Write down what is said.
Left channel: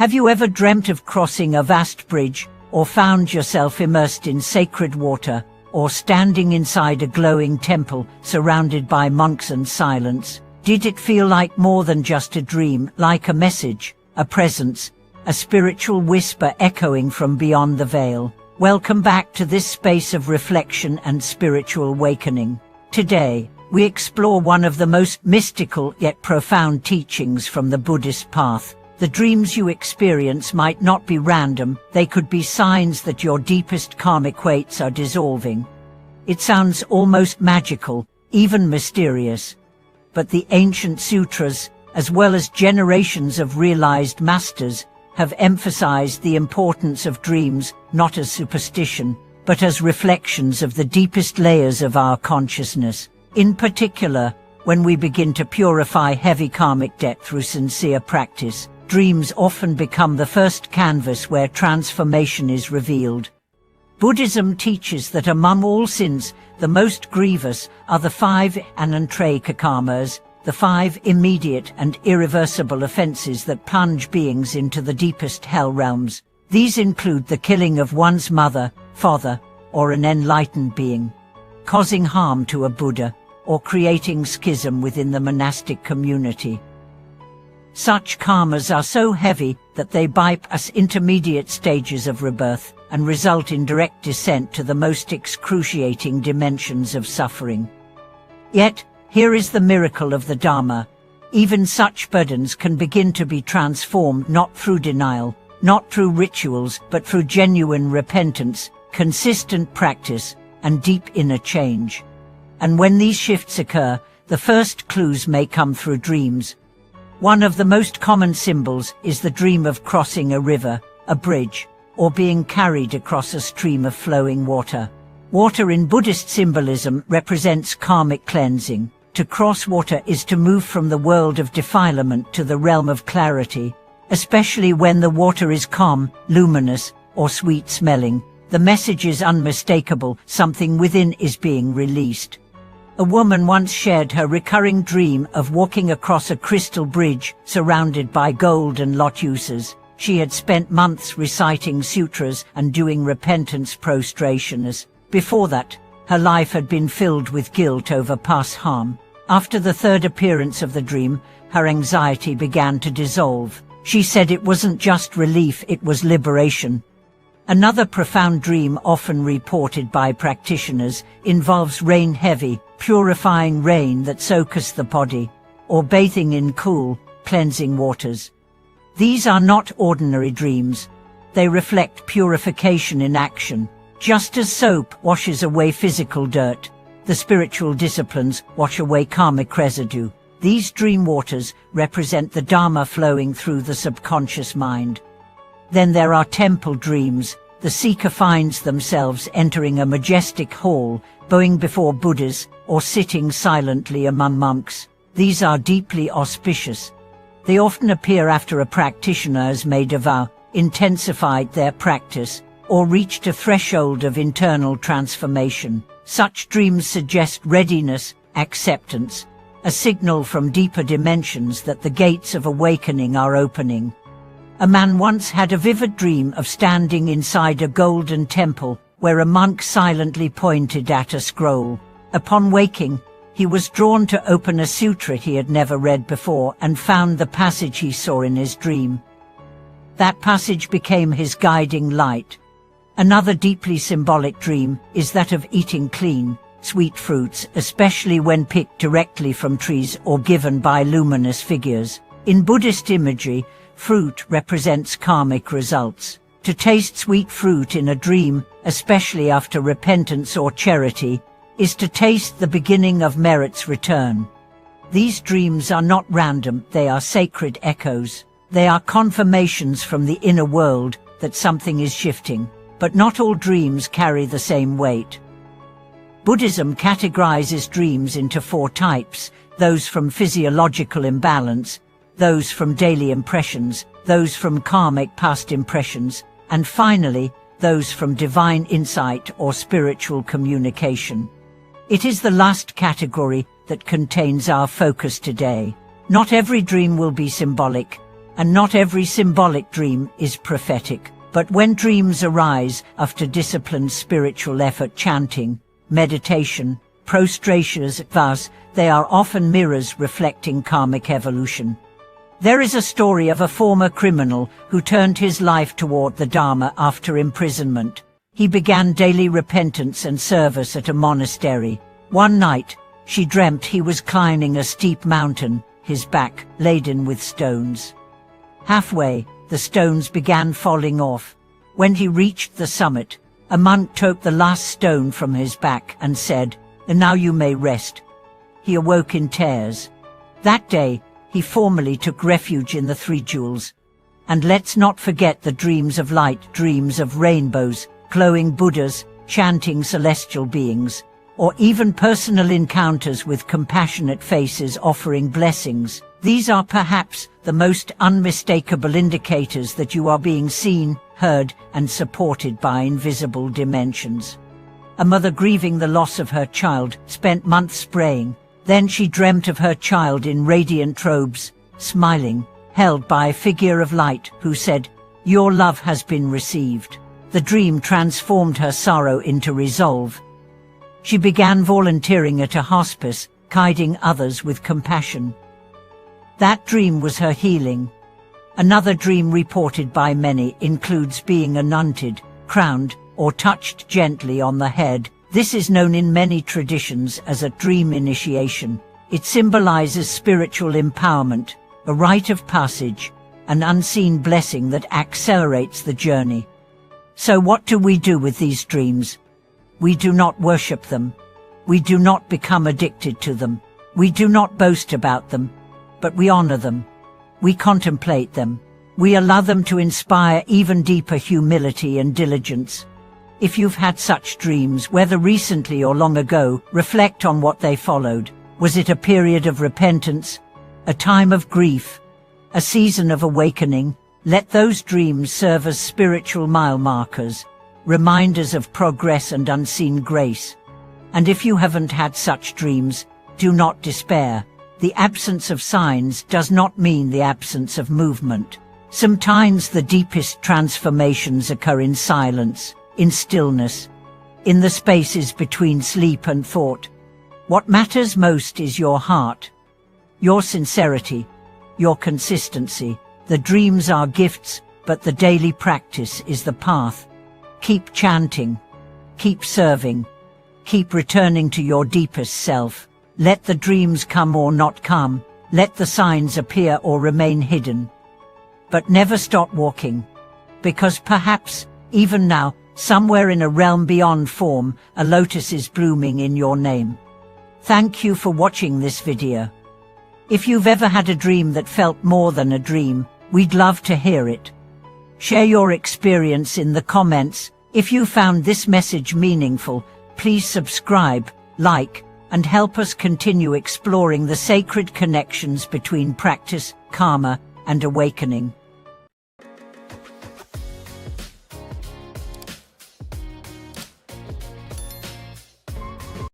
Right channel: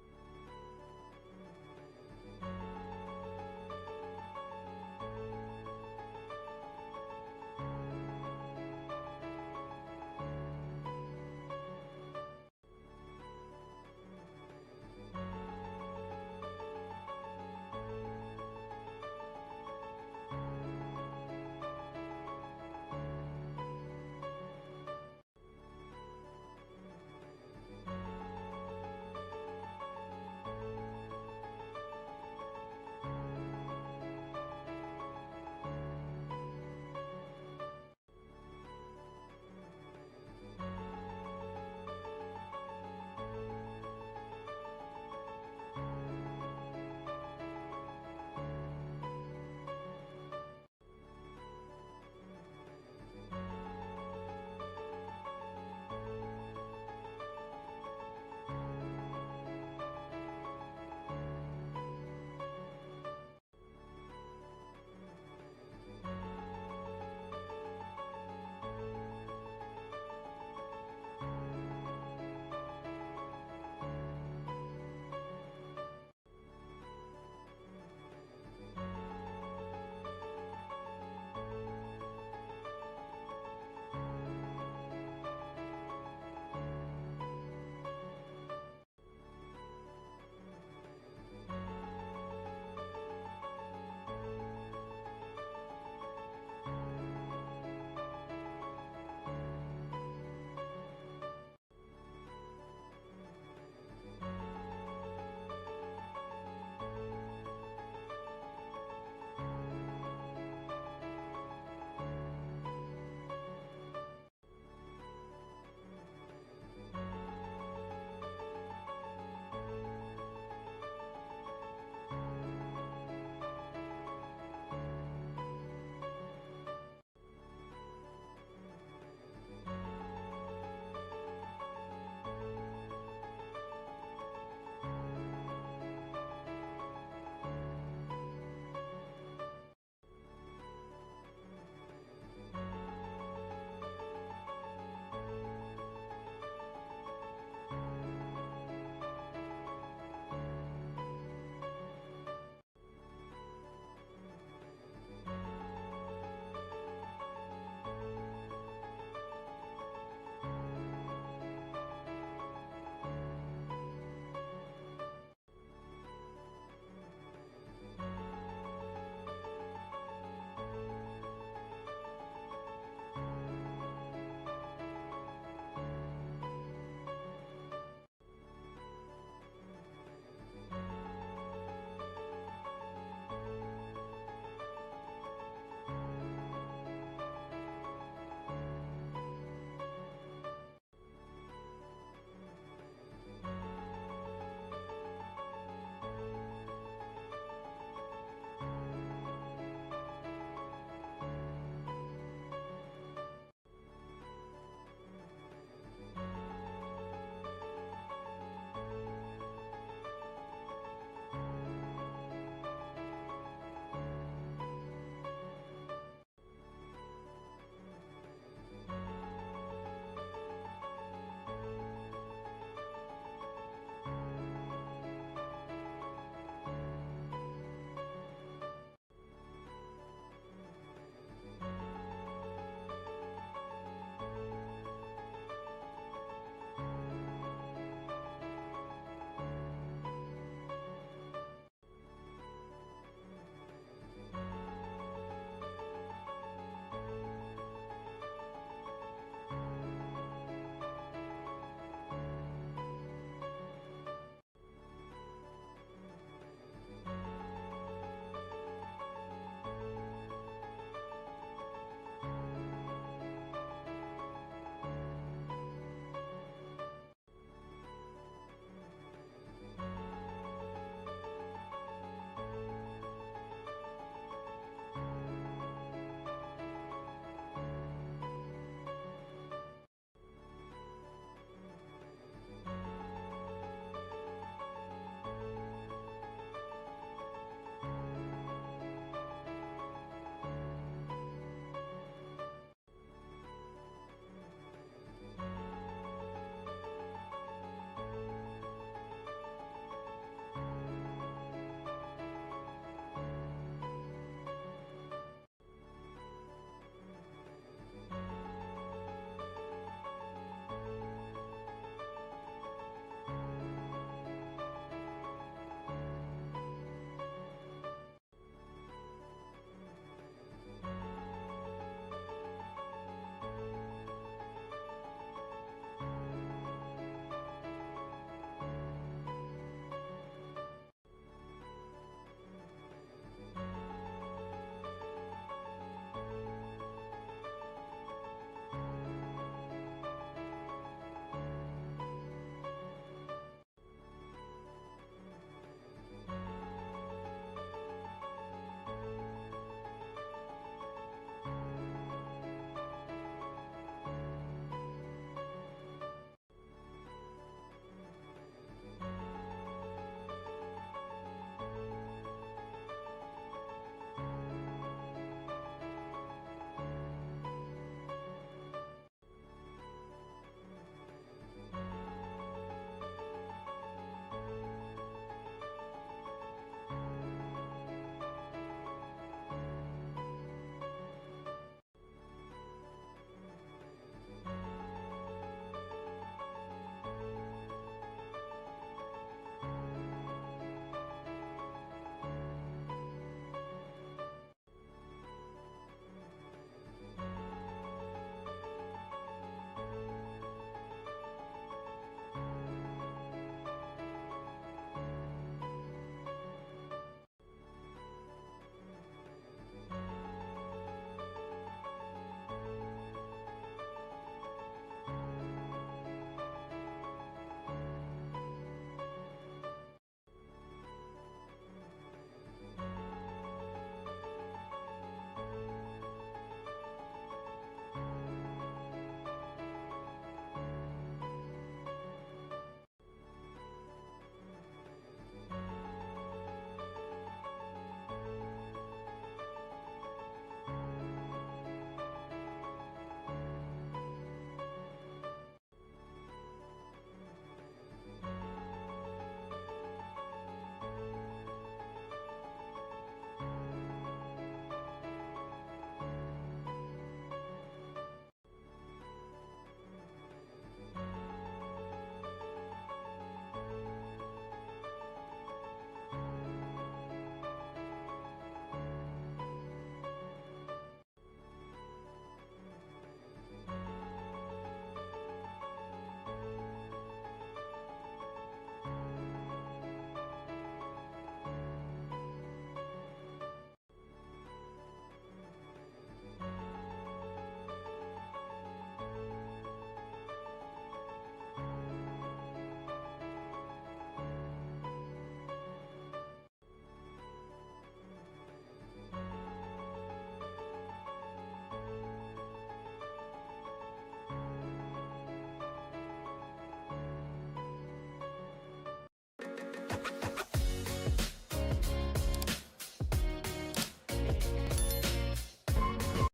Have you ever dreamt of crossing a vast bridge, or found yourself immersed in sacred water, or standing inside a glowing temple surrounded by monks and silence? Did it feel like more than just a dream, like a message, a presence, a spiritual whisper echoing from beyond the veil? Welcome back to this space of reflection and spiritual awakening. Today, we explore one of the most mystical yet profound teachings from the Buddhist path. The dreams you experience might not be random, they could be signs that your deepest karmic weights are dissolving. It sounds almost magical, even mysterious. But the ancient sutras, as well as generations of realized masters, have emphasized the importance of dreams not as superstition, but as reflections of the deepest layers of our consciousness. In particular, when we begin to purify heavy karmic debt through sincere practice, dreams often become the first canvas where transformation is revealed. Buddhism teaches that among all sins, the most grievous are the 5 eliminatekarmas, the 5 immediate and irreversible offenses that plunge beings into the deepest hell realms. These include the killing of one's mother, father, or an enlightened being, causing harm to a Buddha, or creating schism within the monastic community. Such karmas are so heavy that they bypass intermediate stages of rebirth and result in direct descent to the most excruciating dimensions of suffering. Yet, here is the miracle of the Dharma. Even such burdens can begin to be transformed not through denial, not through rituals, but through genuine repentance, consistent practice, and deep inner change. And when these shifts occur, the first clues may come through dreams. One of the most common symbols is the dream of crossing a river, a bridge, or being carried across a stream of flowing water. Water in Buddhist symbolism represents karmic cleansing. To cross water is to move from the world of defilement to the realm of clarity, especially when the water is calm, luminous, or sweet-smelling. The message is unmistakable, something within is being released. A woman once shared her recurring dream of walking across a crystal bridge surrounded by gold and lotuses. She had spent months reciting sutras and doing repentance prostrations. Before that, her life had been filled with guilt over past harm. After the third appearance of the dream, her anxiety began to dissolve. She said it wasn't just relief, it was liberation. Another profound dream often reported by practitioners involves rain-heavy, purifying rain that soaks the body, or bathing in cool, cleansing waters. These are not ordinary dreams. They reflect purification in action. Just as soap washes away physical dirt, the spiritual disciplines wash away karmic residue. These dream waters represent the Dharma flowing through the subconscious mind. Then there are temple dreams. The seeker finds themselves entering a majestic hall, bowing before Buddhas, or sitting silently among monks. These are deeply auspicious. They often appear after a practitioner has made a vow, intensified their practice, or reached a threshold of internal transformation. Such dreams suggest readiness, acceptance, a signal from deeper dimensions that the gates of awakening are opening. A man once had a vivid dream of standing inside a golden temple where a monk silently pointed at a scroll. Upon waking, he was drawn to open a sutra he had never read before and found the passage he saw in his dream. That passage became his guiding light. Another deeply symbolic dream is that of eating clean, sweet fruits, especially when picked directly from trees or given by luminous figures. In Buddhist imagery, fruit represents karmic results. To taste sweet fruit in a dream, especially after repentance or charity, is to taste the beginning of merit's return. These dreams are not random, they are sacred echoes. They are confirmations from the inner world that something is shifting. But not all dreams carry the same weight. Buddhism categorizes dreams into 4 types: those from physiological imbalance, those from daily impressions, those from karmic past impressions, and finally, those from divine insight or spiritual communication. It is the last category that contains our focus today. Not every dream will be symbolic, And not every symbolic dream is prophetic. But when dreams arise after disciplined spiritual effort, chanting, meditation, prostrations, they are often mirrors reflecting karmic evolution. There is a story of a former criminal who turned his life toward the Dharma after imprisonment. He began daily repentance and service at a monastery. One night, she dreamt he was climbing a steep mountain, his back laden with stones. Halfway, the stones began falling off. When he reached the summit, a monk took the last stone from his back and said, "And now you may rest." He awoke in tears. That day, he formally took refuge in the Three Jewels. And let's not forget the dreams of light, dreams of rainbows, glowing Buddhas, chanting celestial beings, or even personal encounters with compassionate faces offering blessings. These are perhaps the most unmistakable indicators that you are being seen, heard, and supported by invisible dimensions. A mother grieving the loss of her child spent months praying. Then she dreamt of her child in radiant robes, smiling, held by a figure of light who said, "Your love has been received." The dream transformed her sorrow into resolve. She began volunteering at a hospice, guiding others with compassion. That dream was her healing. Another dream reported by many includes being anointed, crowned, or touched gently on the head. This is known in many traditions as a dream initiation. It symbolizes spiritual empowerment, a rite of passage, an unseen blessing that accelerates the journey. So what do we do with these dreams? We do not worship them. We do not become addicted to them. We do not boast about them, but we honor them. We contemplate them. We allow them to inspire even deeper humility and diligence. If you've had such dreams, whether recently or long ago, reflect on what they followed. Was it a period of repentance? A time of grief? A season of awakening? Let those dreams serve as spiritual mile markers, reminders of progress and unseen grace. And if you haven't had such dreams, do not despair. The absence of signs does not mean the absence of movement. Sometimes the deepest transformations occur in silence, in stillness, in the spaces between sleep and thought. What matters most is your heart, your sincerity, your consistency. The dreams are gifts, but the daily practice is the path. Keep chanting, keep serving, keep returning to your deepest self. Let the dreams come or not come, let the signs appear or remain hidden. But never stop walking, because perhaps, even now, somewhere in a realm beyond form, a lotus is blooming in your name. Thank you for watching this video. If you've ever had a dream that felt more than a dream, we'd love to hear it. Share your experience in the comments. If you found this message meaningful, please subscribe, like, and help us continue exploring the sacred connections between practice, karma, and awakening.